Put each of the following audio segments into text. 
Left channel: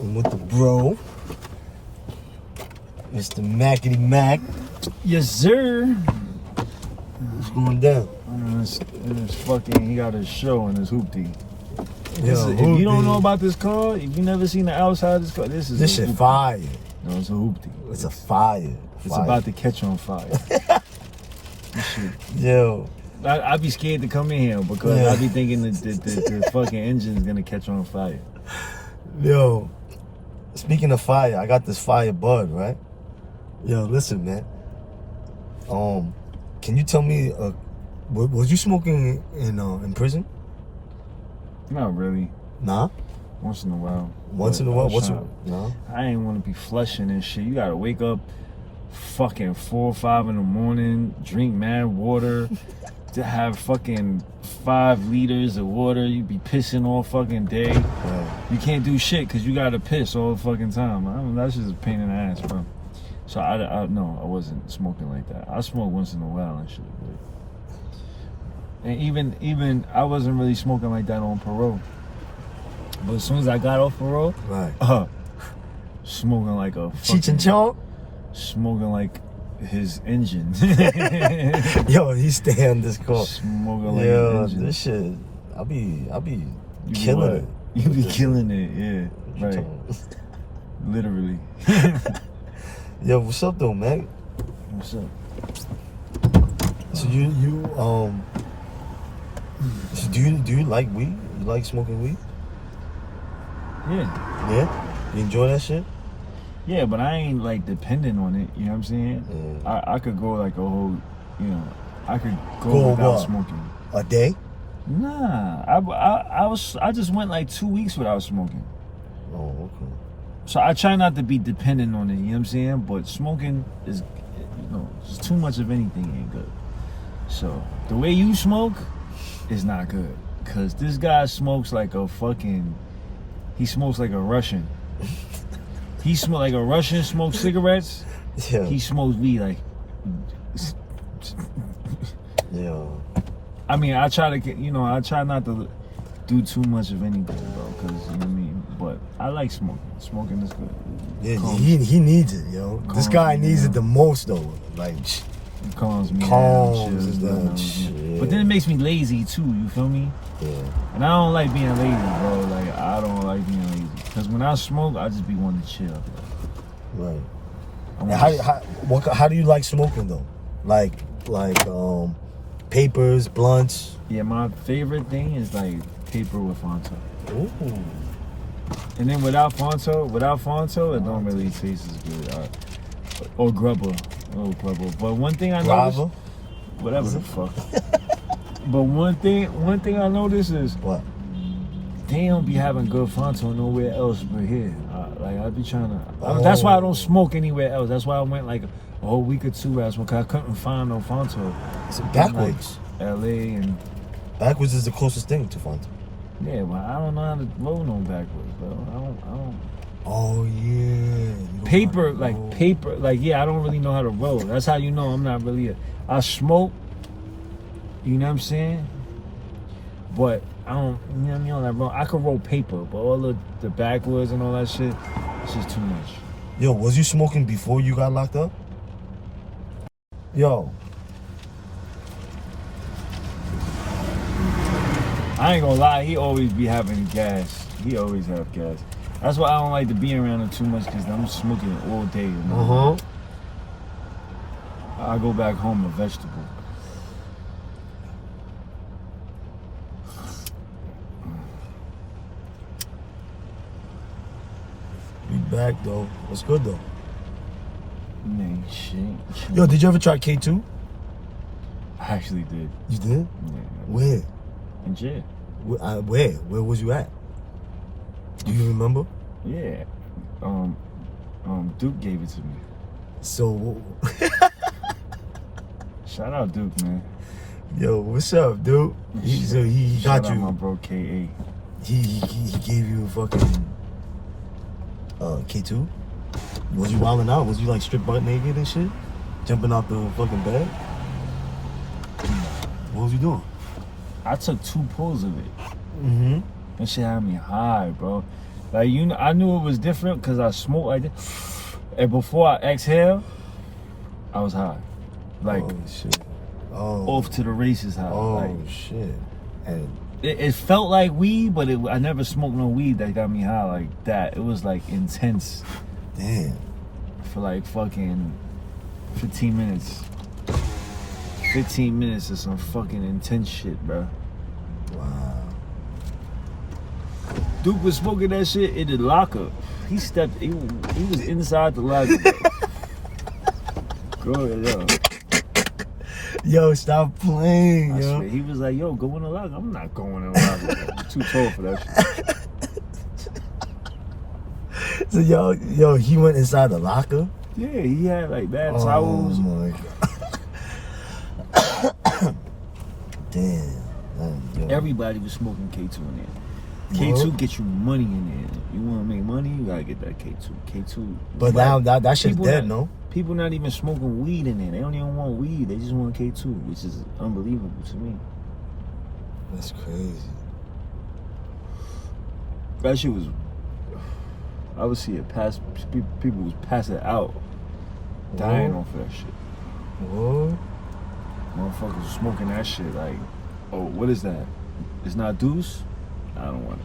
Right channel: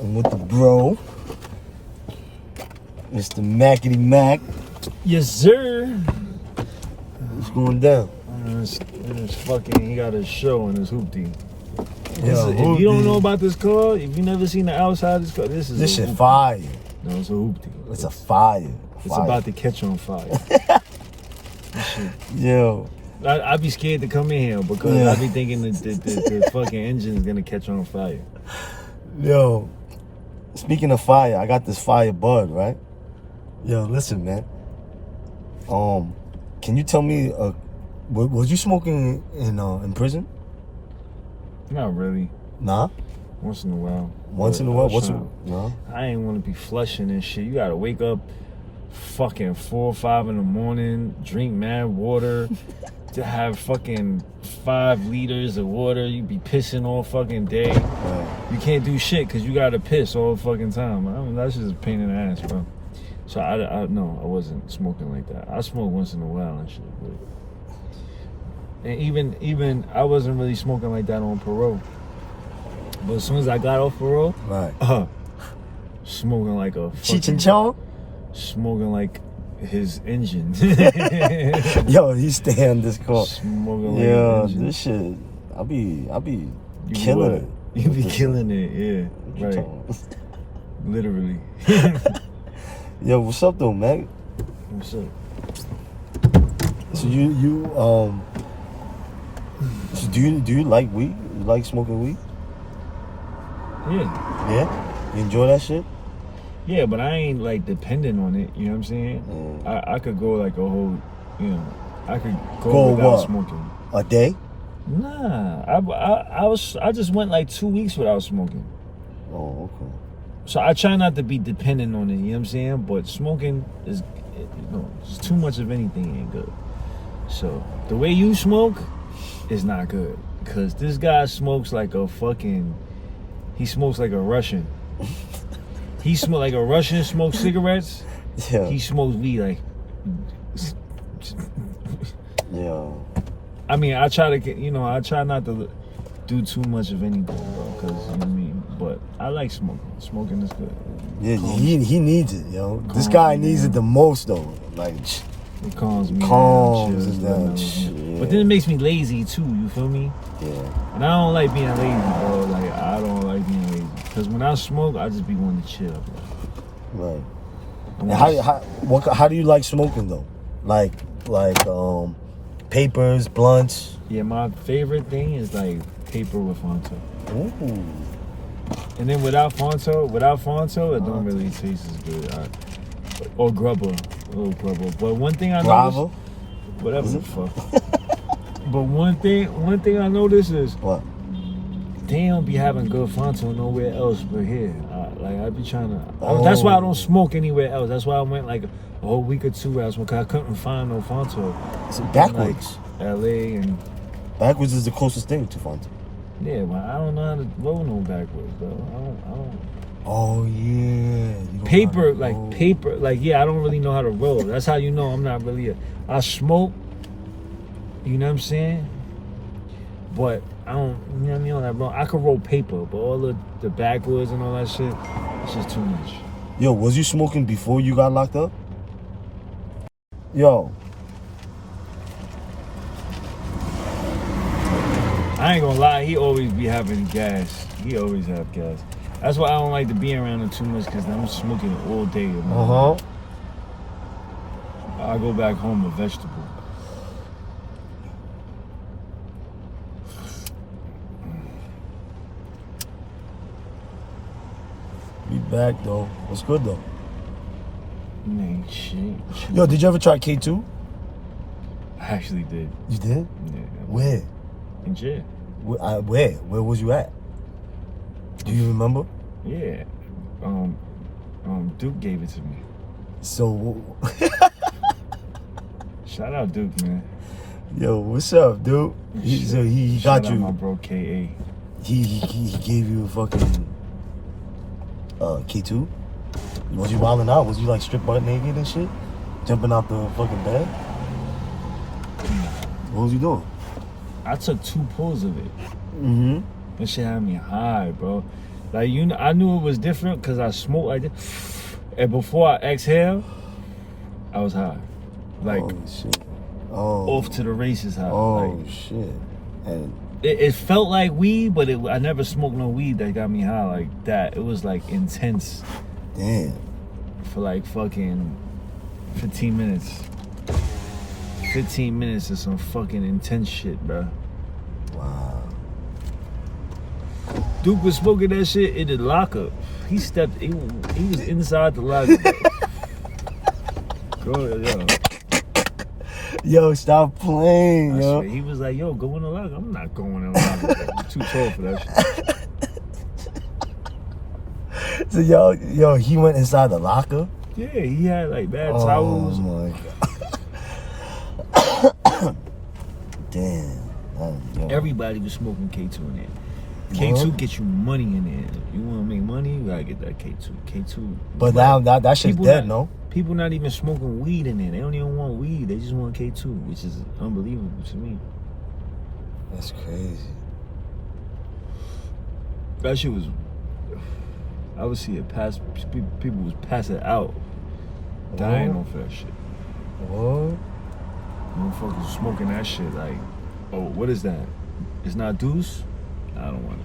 I'm with the bro, Mr. Mackety Mac. Yes, sir. What's going down? This fucking, he got a show in his hoopty. Yo, If you don't know about this car, if you never seen the outside of this car, this shit hoopty. fire. No, it's a hoopty. It's a fire. It's about to catch on fire. Yo. I be scared to come in here because I be thinking that the fucking engine is gonna catch on fire. Yo, speaking of fire, I got this fire bud, right? Yo, listen, man. Can you tell me, was you smoking in prison? Not really. Nah. Once in a while. Once in a while. No. I ain't want to be flushing and shit. You gotta wake up fucking 4 or 5 in the morning, drink mad water, to have fucking 5 liters of water. You be pissing all fucking day. Right. You can't do shit because you gotta piss all the fucking time. I mean, that's just a pain in the ass, bro. So no, I wasn't smoking like that. I smoke once in a while and shit. But, and even I wasn't really smoking like that on parole. But as soon as I got off parole, right, smoking like a Cheech and Chong, smoking like his engine. Yo, he stay on this car. Smoking like his engine. This shit, I be You killing it. You be killing it, yeah, right. Literally. Yo, what's up though, Mac? What's up? So so do you like weed? You like smoking weed? Yeah. Yeah? You enjoy that shit? Yeah, but I ain't like dependent on it, you know what I'm saying? I could go like a whole, I could go without smoking. A day? Nah, I just went like 2 weeks without smoking. Oh, okay. So I try not to be dependent on it, you know what I'm saying? But smoking is, just too much of anything ain't good. So the way you smoke is not good. Cause this guy smokes like a fucking, he smokes like a Russian. He smokes like a Russian, smokes cigarettes. Yeah. He smokes weed like. Yeah. I mean, I try to I try not to do too much of anything, bro, because, you know what I mean? But I like smoking. Smoking is good. Yeah, he needs it, yo. This guy needs it the most, though. Like, it calms me down. Shit. But then it makes me lazy, too, you feel me? Yeah. And I don't like being lazy, bro. Like, I don't like being lazy. Because when I smoke, I just be wanting to chill. Right. And how do you like smoking, though? Like, papers, blunts? Yeah, my favorite thing is, like, paper with Fonto. Ooh. And then without Fonto, it don't really taste as good. Or grubber. But one thing I noticed, whatever the fuck. But one thing I noticed is what? They don't be having good Fonto nowhere else but here. I be trying to. That's why I don't smoke anywhere else. That's why I went like a whole week or 2 without smoking. I couldn't find no Fonto. It's backwards. Like LA and backwards is the closest thing to Fonto. Yeah, but I don't know how to roll no backwards though. I don't. Oh yeah. Paper, yeah, I don't really know how to roll. That's how you know I'm not really I smoke, you know what I'm saying? But I don't, you know what I mean, on that roll. I can roll paper, but all the backwards and all that shit, it's just too much. Yo, was you smoking before you got locked up? Yo. I ain't gonna lie, he always be having gas. He always have gas. That's why I don't like to be around him too much, because I'm smoking all day. I go back home a vegetable. We back though. What's good though? Man, shit. Yo, did you ever try K2? I actually did. You did? Yeah. Where? In jail. Where? Where was you at? Do you remember? Yeah. Duke gave it to me. So shout out Duke, man. Yo, what's up, Duke? He got you. My bro KA. He gave you a fucking K2? Was you wilding out? Was you like strip butt naked and shit? Jumping out the fucking bed? No. What was you doing? I took 2 pulls of it. Mm-hmm. That shit had me high, bro. Like, you know, I knew it was different because I smoked like this. And before I exhale, I was high. Like, holy shit. Oh. Off to the races high. Oh, like, shit. And it felt like weed, but I never smoked no weed that got me high like that. It was like intense. damn. For like fucking 15 minutes. 15 minutes of some fucking intense shit, bro. Wow. Duke was smoking that shit in the locker. He was inside the locker. Yo. Yo, stop playing, I yo. swear, he was like, yo, go in the locker. I'm not going in the locker. I'm too tall for that shit. So yo, he went inside the locker? Yeah, he had like bad towels. Oh my god. Damn. Everybody was smoking K2 in there. K2 gets you money in there. You want to make money, you gotta get that K2. K2. But now that shit's dead, no? People not even smoking weed in there. They don't even want weed. They just want K2, which is unbelievable to me. That's crazy. That shit was. I would see it pass. People was passing out, dying off that shit. Whoa. Motherfuckers was smoking that shit like, oh, what is that? It's not deuce? I don't want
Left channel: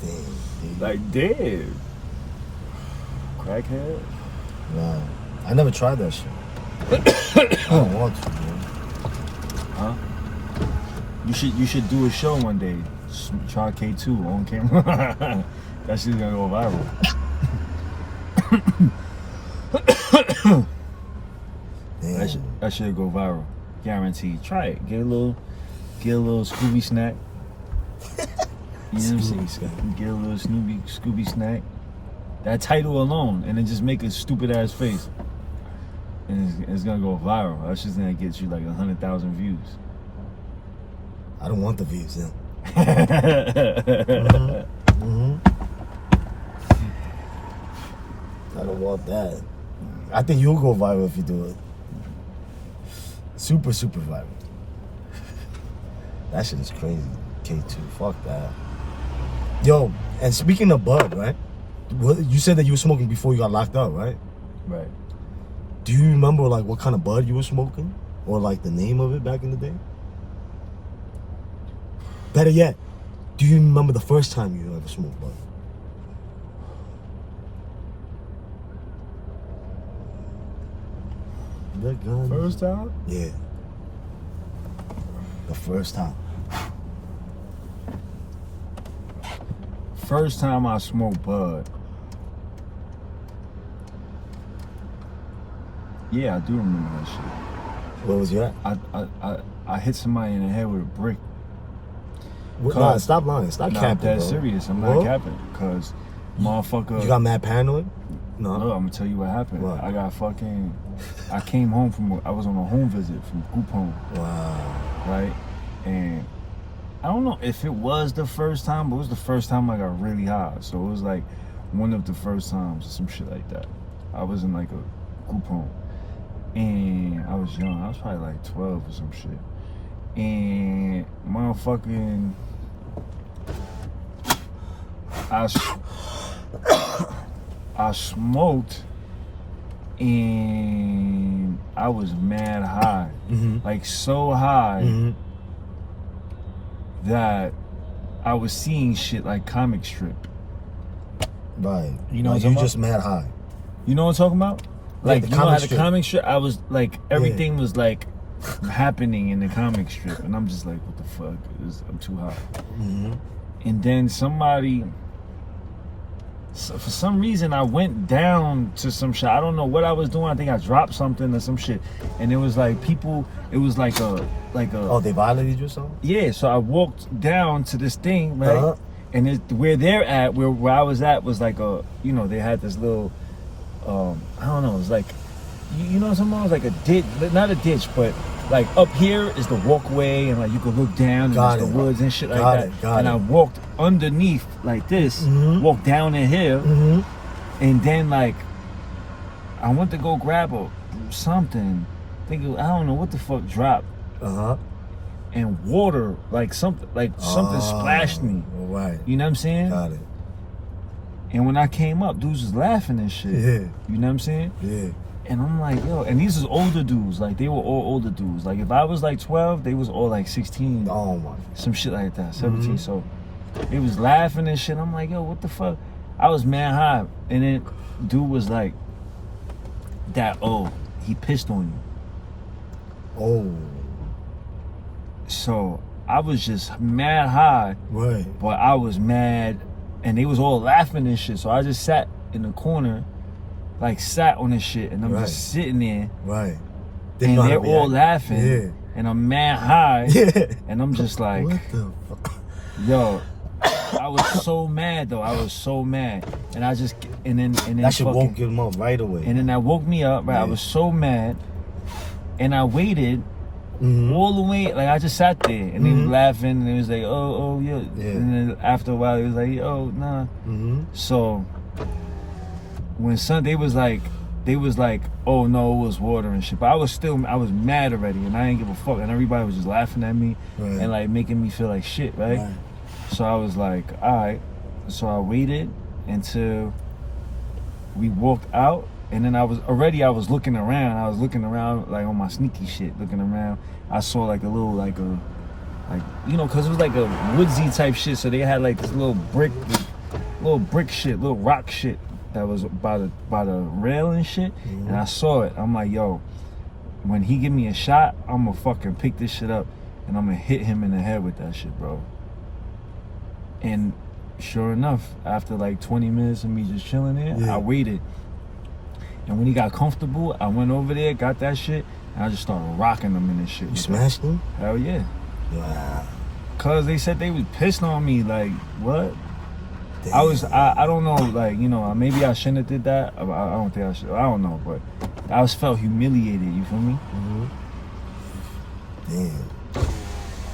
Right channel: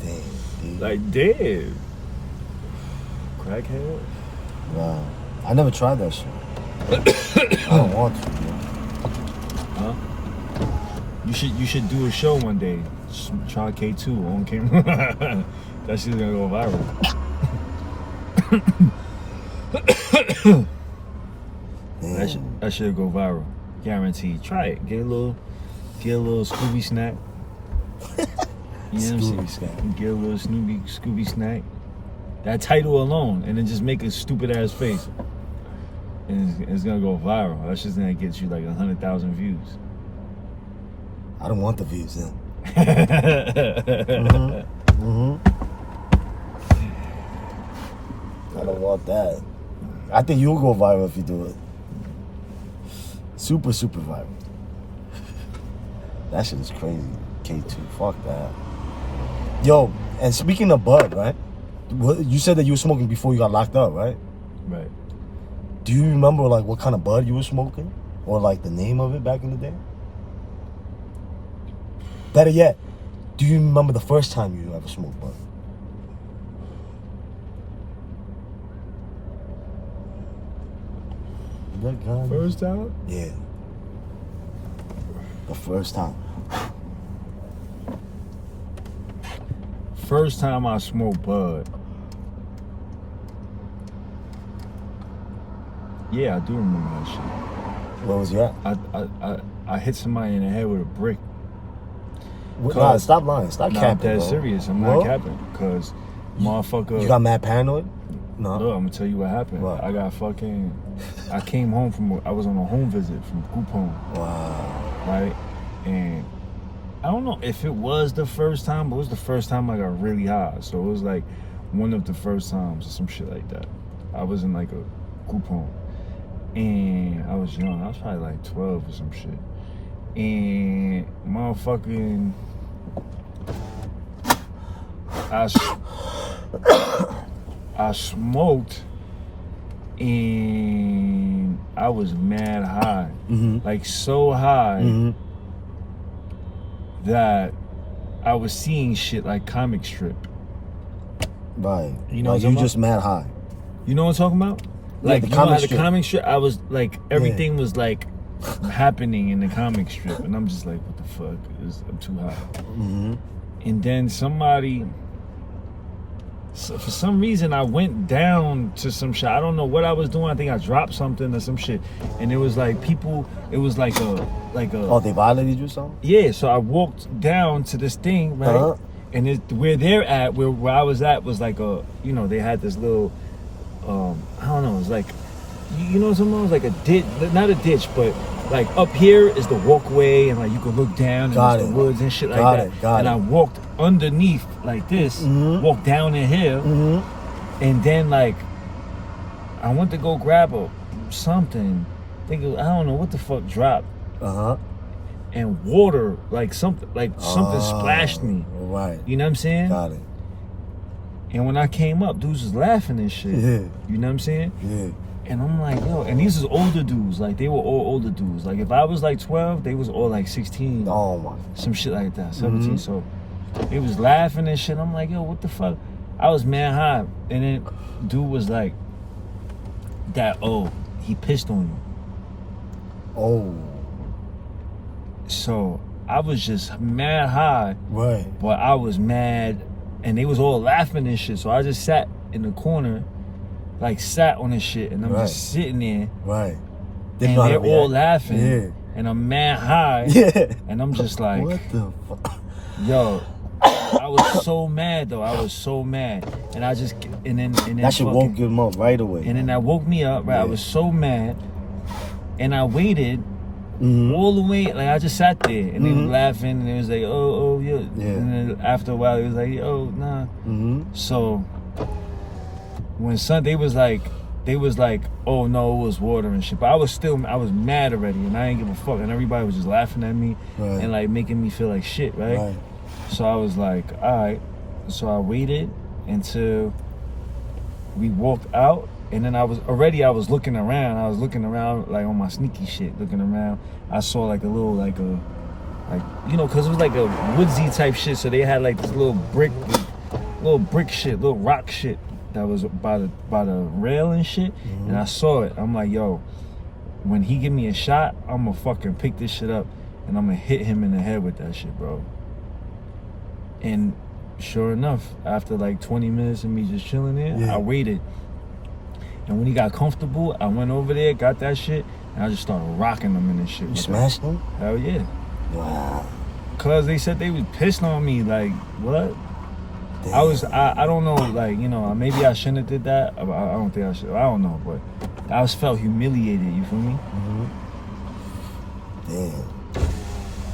it. Damn, dude. Like, damn. Crackhead? Wow. I never tried that shit. I don't want to, dude. Huh? You should do a show one day. Just try K2 on camera. That shit's gonna go viral. That should go viral. Guaranteed. Try it. Get a little Scooby snack. You know what I'm saying? Get a little Scooby snack. That title alone, and then just make a stupid ass face. And it's gonna go viral. That's just gonna get you like 100,000 views. I don't want the views then. I don't want that. I think you'll go viral if you do it. Super viral. That shit is crazy. K2, fuck that. Yo, and speaking of bud, right? You said that you were smoking before you got locked up, right? Right. Do you remember like what kind of bud you were smoking? Or like the name of it back in the day? Better yet, do you remember the first time you ever smoked bud? First time? Yeah. The first time. First time I smoked bud. Yeah, I do remember that shit. Where was you at? I hit somebody in the head with a brick. Nah, stop lying. Stop capping, I'm dead bro. serious. I'm not capping. Because motherfucker... You got mad paranoid? No. Look, I'm going to tell you what happened. What? I came home I was on a home visit from group home. Wow. Right? And I don't know if it was the first time, but it was the first time I got really high. So it was like one of the first times or some shit like that. I was in like a group home. And I was young. I was probably like 12 or some shit. And motherfucking... I smoked and I was mad high. Like so high that I was seeing shit like comic strip. Right. You know what you I'm just mad high. You know what I'm talking about? Like, the you know how the strip. comic strip, I was like, everything was like happening in the comic strip. And I'm just like, what the fuck? I'm too high. And then somebody... So for some reason, I went down to some shit. I don't know what I was doing. I think I dropped something or some shit. And it was like people, it was like a... Oh, they violated you or something? Yeah, so I walked down to this thing, right? And where they're at, where I was at was like a, you know, they had this little, I don't know, it was like, you know, something was like a ditch, not a ditch, but like up here is the walkway and like you could look down and there's the woods and shit like that. And I walked underneath like this, walked down in here, and then like I went to go grab something, I don't know what the fuck dropped. and water, something splashed me. Right. You know what I'm saying? Got it. And when I came up, dudes was laughing and shit. Yeah. You know what I'm saying? Yeah. And I'm like, yo, and these was older dudes. Like, they were all older dudes. Like, if I was like 12, they was all like 16. Oh my. Some shit like that, 17. So they was laughing and shit. I'm like, yo, what the fuck? I was mad high. And then dude was like, he pissed on you. Oh. So I was just mad high. Right. But I was mad. And they was all laughing and shit. So I just sat in the corner, sat on this shit. And I'm just sitting there. Right. And they're all laughing. Yeah. And I'm mad high. Yeah. And I'm just like, what the fuck? Yo, I was so mad though. I was so mad. And then that shit woke him up right away. And then that woke me up, right? Yeah. I was so mad. And I waited all the way, I just sat there and they was laughing and it was like, oh, yeah. And then after a while it was like, oh, nah. So when they was like, oh no, it was water and shit. But I was mad already and I didn't give a fuck. And everybody was just laughing at me and making me feel like shit, right? So I was like, all right. So I waited until we walked out. And then I was looking around. I was looking around on my sneaky shit, looking around. I saw a little cause it was a woodsy type shit. So they had this little brick shit, little rock shit that was by the rail and shit. And I saw it. I'm like, yo, when he give me a shot, I'm gonna fucking pick this shit up and I'm gonna hit him in the head with that shit, bro. And sure enough, after 20 minutes of me just chilling there, I waited. And when he got comfortable, I went over there, got that shit, and I just started rocking him in this shit. You smashed him? Hell yeah. Wow. Cause they said they was pissed on me, what? Damn. I don't know, maybe I shouldn't have did that. I don't think I should. I don't know, but I felt humiliated, you feel me? Damn.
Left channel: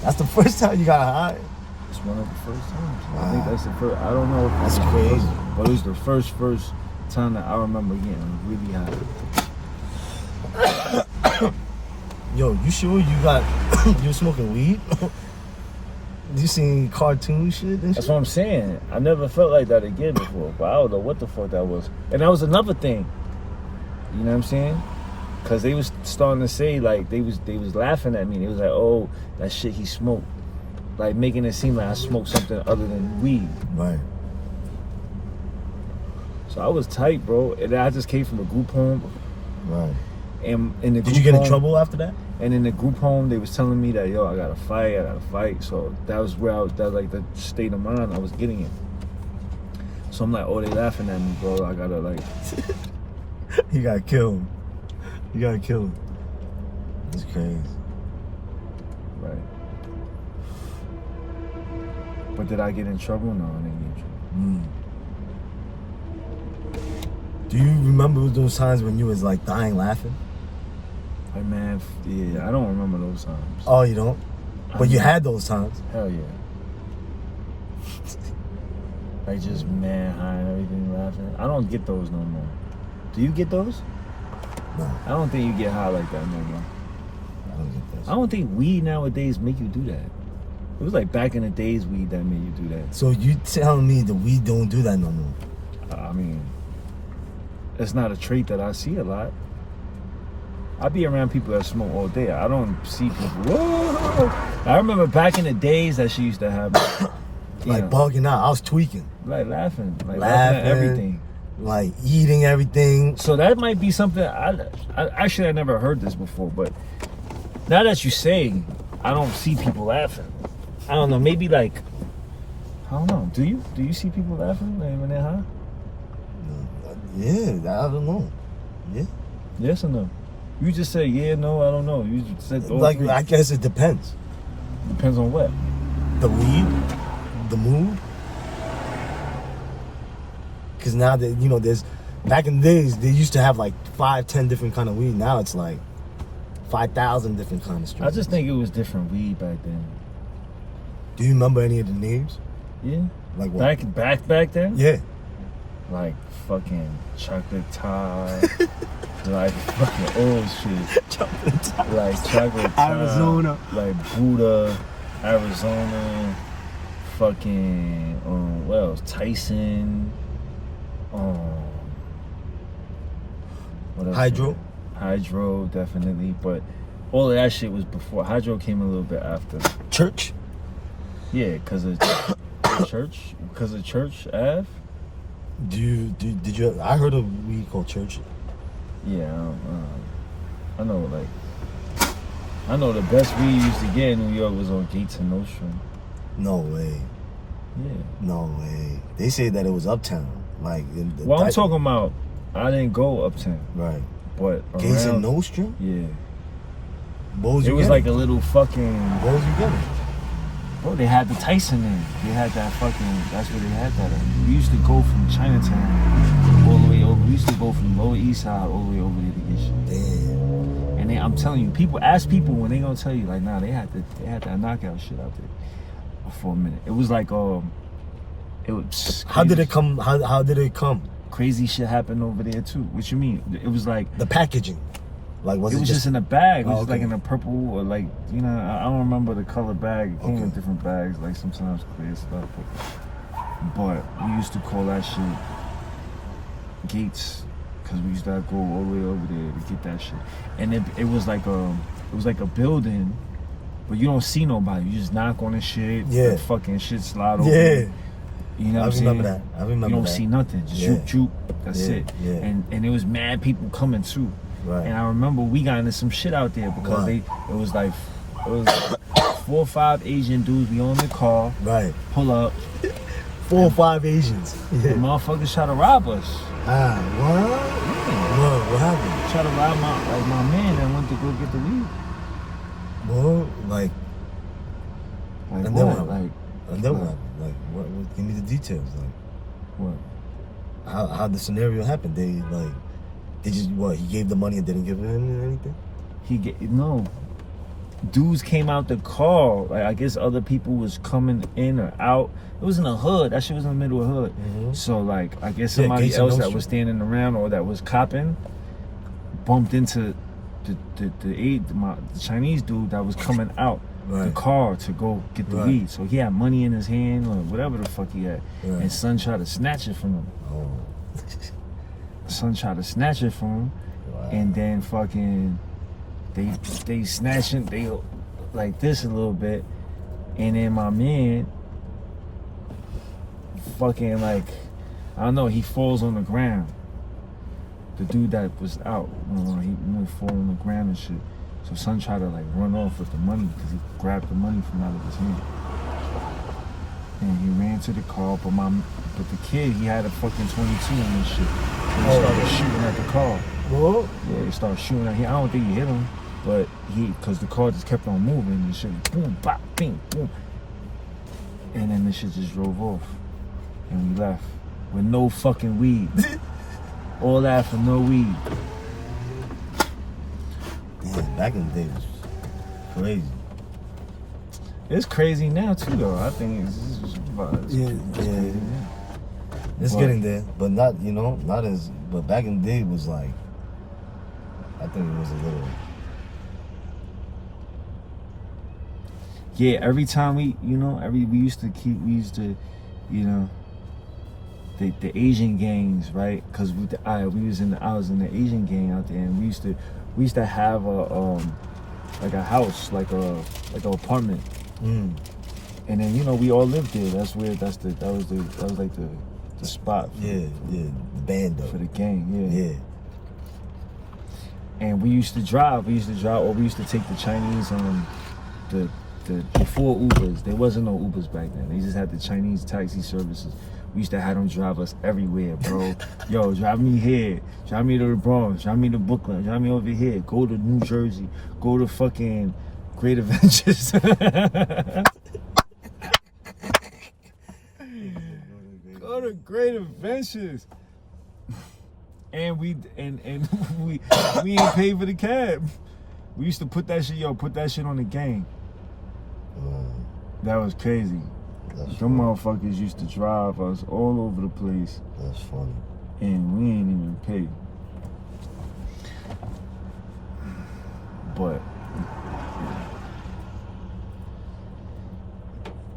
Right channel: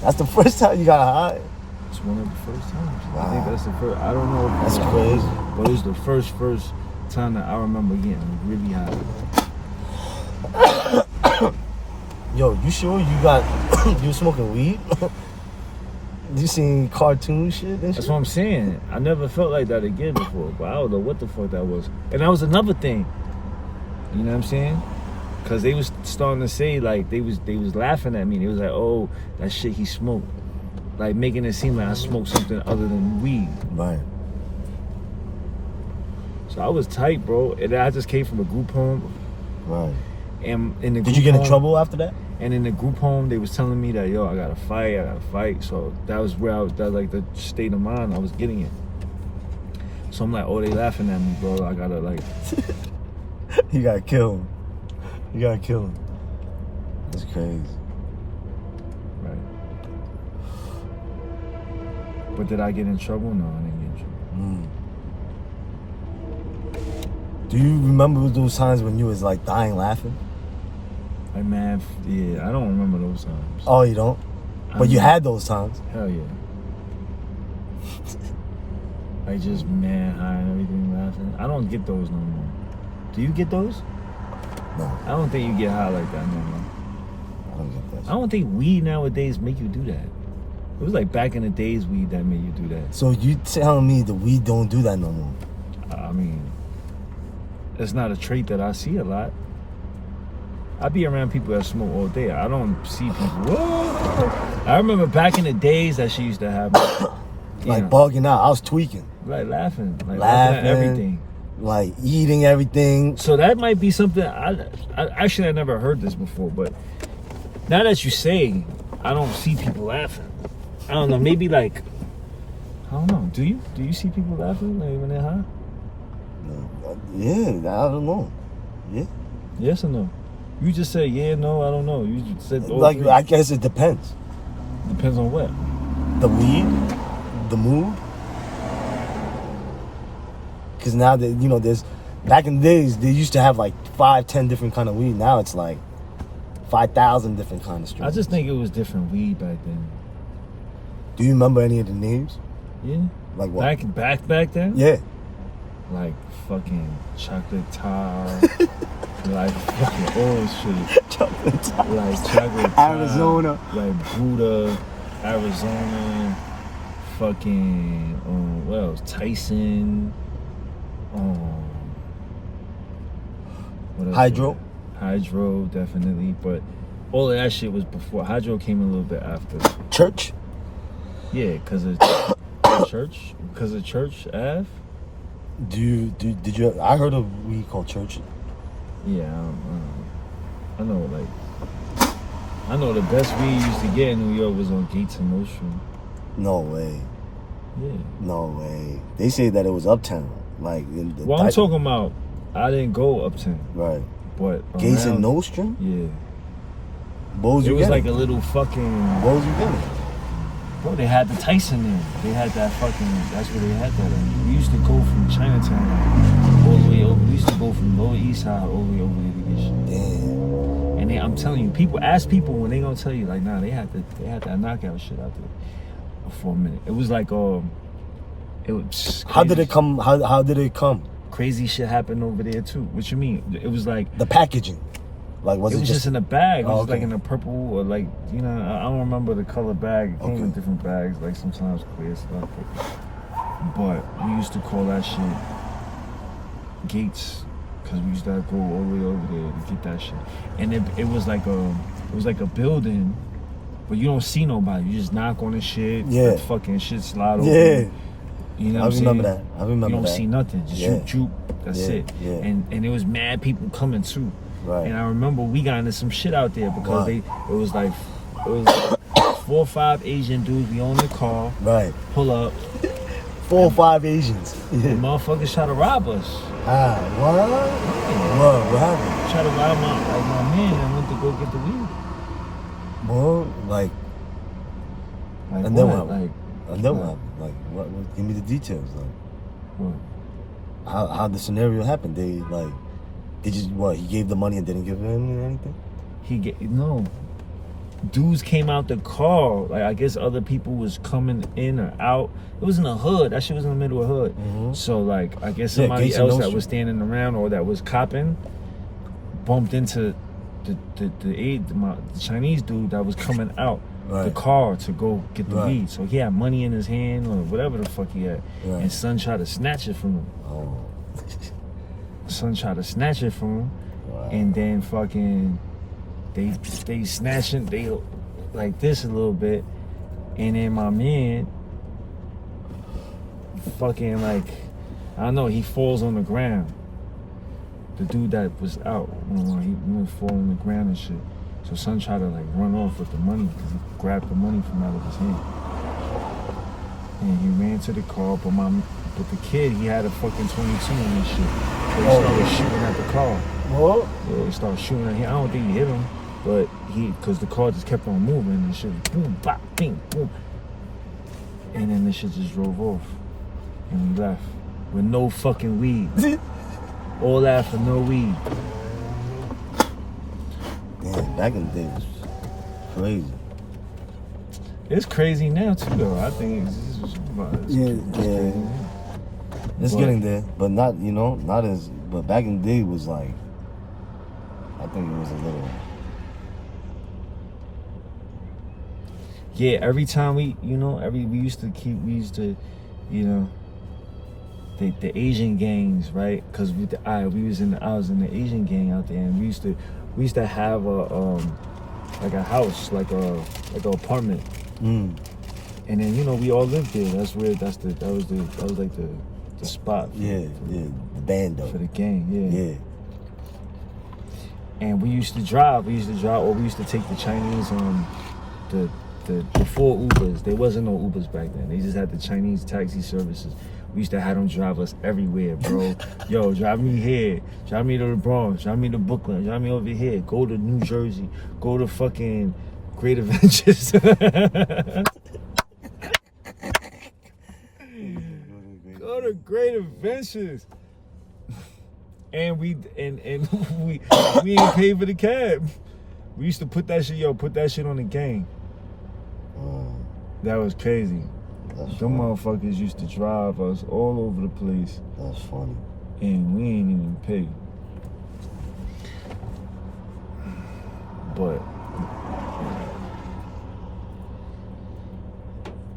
That's the first time you got high? It's one of the first times. Wow. I think that's the first. I don't know if that's crazy. But it was the first time that I remember getting really high. Yo, you sure you smoking weed? You seen cartoon shit and shit? That's what I'm saying. I never felt like that again before, but I don't know what the fuck that was. And that was another thing. You know what I'm saying? Cause they was starting to say they was laughing at me. They was like, oh, that shit he smoked. Making it seem like I smoked something other than weed. Right. So I was tight, bro. And I just came from a group home. Right. And in the Did you get in trouble after that? And in the group home, they was telling me that, yo, I gotta fight. So that was where that was the state of mind I was getting in. So I'm like, oh, they laughing at me, bro. I gotta You gotta kill him. You gotta kill him. That's crazy. Right. But did I get in trouble? No, I didn't get in trouble. Do you remember those times when you was dying laughing? Yeah, I don't remember those times. Oh, you don't? But you had those times? Hell yeah. Just mad high and everything laughing. I don't get those no more. Do you get those? No. I don't think you get high like that no more. I don't get that shit. I don't think weed nowadays make you do that. It was back in the days weed that made you do that. So you telling me the weed don't do that no more? I mean, it's not a trait that I see a lot. I be around people that smoke all day. I don't see people. Whoa. I remember back in the days that she used to have me. Bugging out. I was tweaking. Laughing. Laughing at everything. Eating everything. So that might be something. I never heard this before, but now that you say, I don't see people laughing. I don't know. Maybe I don't know. Do you see people laughing when they're high? Yeah, I don't know. Yeah. Yes or no? You just said yeah, no, I don't know. You just said three. I guess it depends. Depends on what? The weed, the mood. Because now that there's back in the days they used to have 5-10 different kind of weed. Now it's 5,000 different kind of strains. I just think it was different weed back then. Do you remember any of the names? Yeah. Like what? Back then? Yeah. like fucking chocolate tie, like fucking old shit. Chocolate tie. Like chocolate tie, Arizona. like Buddha, Arizona, fucking what else? Tyson, what else? Hydro, definitely, but all of that shit was before. Hydro came a little bit after. Church. Yeah, cause of church, Church Ave. Did you? I heard of weed called Church. Yeah, I know the best weed you used to get in New York was on Gates and Nostrum. No way. Yeah. No way. They say that it was uptown, like in the. Well, I'm talking about. I didn't go uptown. Right. But Gates and Nostrum. Yeah. What was it you was getting? like a little fucking. What was you getting? Bro, they had the Tyson in. They had that fucking. That's where they had that in. We used to go from Chinatown all the way over. We used to go from Lower East Side all the way over there to get shit. Damn. And I'm telling you, ask people when they gonna tell you like, nah, they had that knockout shit out there for a minute. It was like it was. How did it come? How did it come? Crazy shit happened over there too. What you mean? It was like the packaging. Like it was just in a bag. It was okay. like in a purple or like I don't remember the color bag. It came in different bags. Like sometimes clear stuff. But we used to call that shit Gates because we used to go all the way over there to get that shit. And it was like a building, but you don't see nobody. You just knock on the shit. Yeah. The fucking shit slide over. Yeah. You know what I'm remember saying? that. I remember You don't that. see nothing. Just shoot. That's it. Yeah. And there was mad people coming too. Right. And I remember we got into some shit out there because it was 4 or 5 Asian dudes. We on the car. Right. Pull up. 4 or 5 Asians. The motherfuckers try to rob us. Ah, what? Yeah. What happened? Try to rob my man that went to go get the weed. Well, like and then what? Like, and then what happened? Like, what? Give me the details. Like, what? How the scenario happened? They just he gave the money and didn't give him anything? No. Dudes came out the car. Like I guess other people was coming in or out. It was in the hood. That shit was in the middle of the hood. Mm-hmm. So like I guess somebody else that was standing around or that was copping bumped into the Chinese dude that was coming out the car to go get the weed. So he had money in his hand or whatever the fuck he had. Right. And son tried to snatch it from him. Oh. Son tried to snatch it from him. Wow. And then fucking they snatching, they like this a little bit, and then my man fucking like I don't know, he falls on the ground. The dude that was out, he fall on the ground and shit. So son tried to like run off with the money because he grabbed the money from out of his hand, and he ran to the car. But the kid, he had a fucking 22 in his shit. So he started shooting at the car. What? Yeah, he started shooting at him. I don't think he hit him, but because the car just kept on moving and shit was boom, bop, bing, boom. And then the shit just drove off. And we left with no fucking weed. All that for no weed. Damn, back in the day was crazy. It's crazy now too, though. I think it's crazy. It's getting there, but not not as. But back in the day was like, I think it was a little. Yeah, every time we used to, the Asian gangs, right? Because I was in the Asian gang out there, and we used to have a house, like a apartment. Mm. And then we all lived there. That was like the spot. The band though. For the gang, Yeah. And we used to drive, or we used to take the Chinese before Ubers. There wasn't no Ubers back then. They just had the Chinese taxi services. We used to have them drive us everywhere, bro. Yo, drive me here. Drive me to the Bronx. Drive me to Brooklyn. Drive me over here. Go to New Jersey. Go to fucking Great Adventures. Go to Great Adventures. And we ain't pay for the cab. We used to put that shit on the gang. That was crazy. That's Them funny. motherfuckers used to drive us all over the place, That's funny. and we ain't even pay. But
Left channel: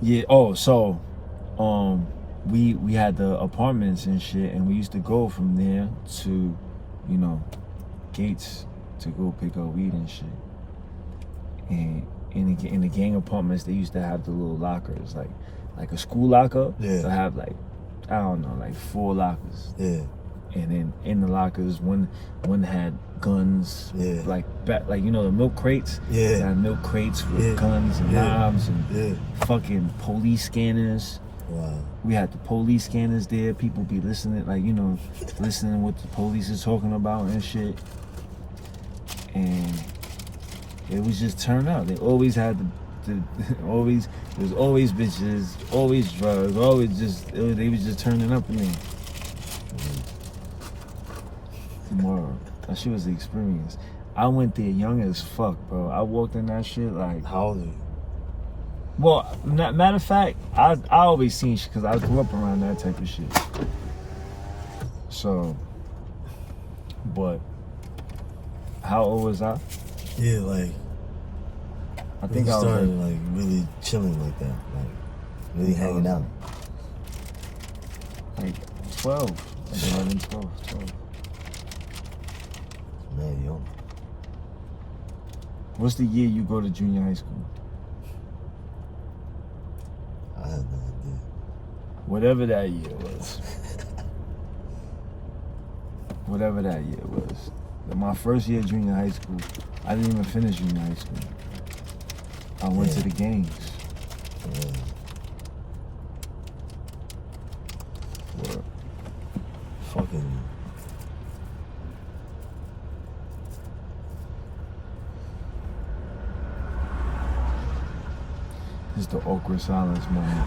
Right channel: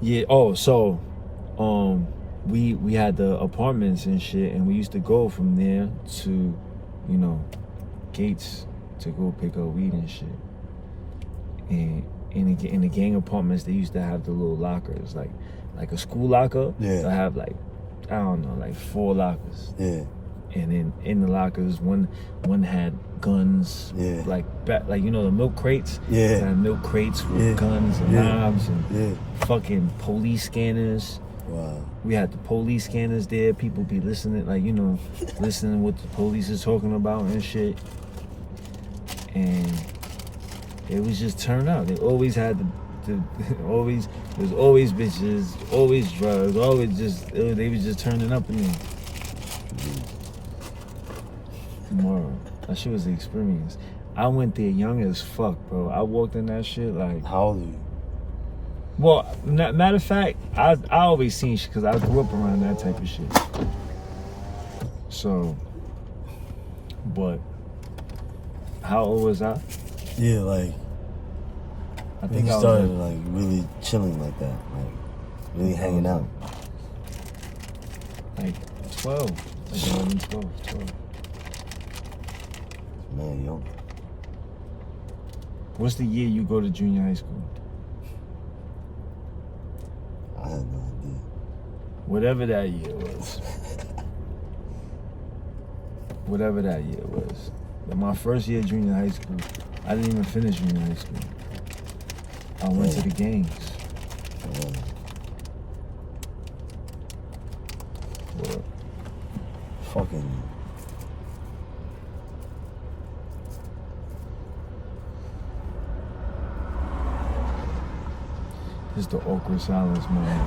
yeah. Oh, so we had the apartments and shit, and we used to go from there to, you know, Gates to go pick up weed and shit. And in the gang apartments, they used to have the little lockers, like a school locker. Yeah. They'll have like, I don't know, like 4 lockers. Yeah. And then in the lockers, one had guns. Yeah. Like you know the milk crates. Yeah. They had milk crates with guns and knives and fucking police scanners. Wow. We had the police scanners there. People be listening, like, you know, listening what the police is talking about and shit. And it was just turn up. They always had always, there was always bitches, always drugs, always just, they was just turning up in there. Tomorrow. That shit was the experience. I went there young as fuck, bro. I walked in that shit like... How old are you? Well, matter of fact, I always seen shit because I grew up around that type of shit. So, but how old was I? Yeah, like I think you I was started like really chilling like that, like really hanging out. like 12, 11, 12. Man, yo. What's the year you go to junior high school? I had no idea. Whatever that year was. Whatever that year was. Like my first year of junior high school, I didn't even finish junior high school. I went to the games. What? Fucking. It's the awkward silence moment.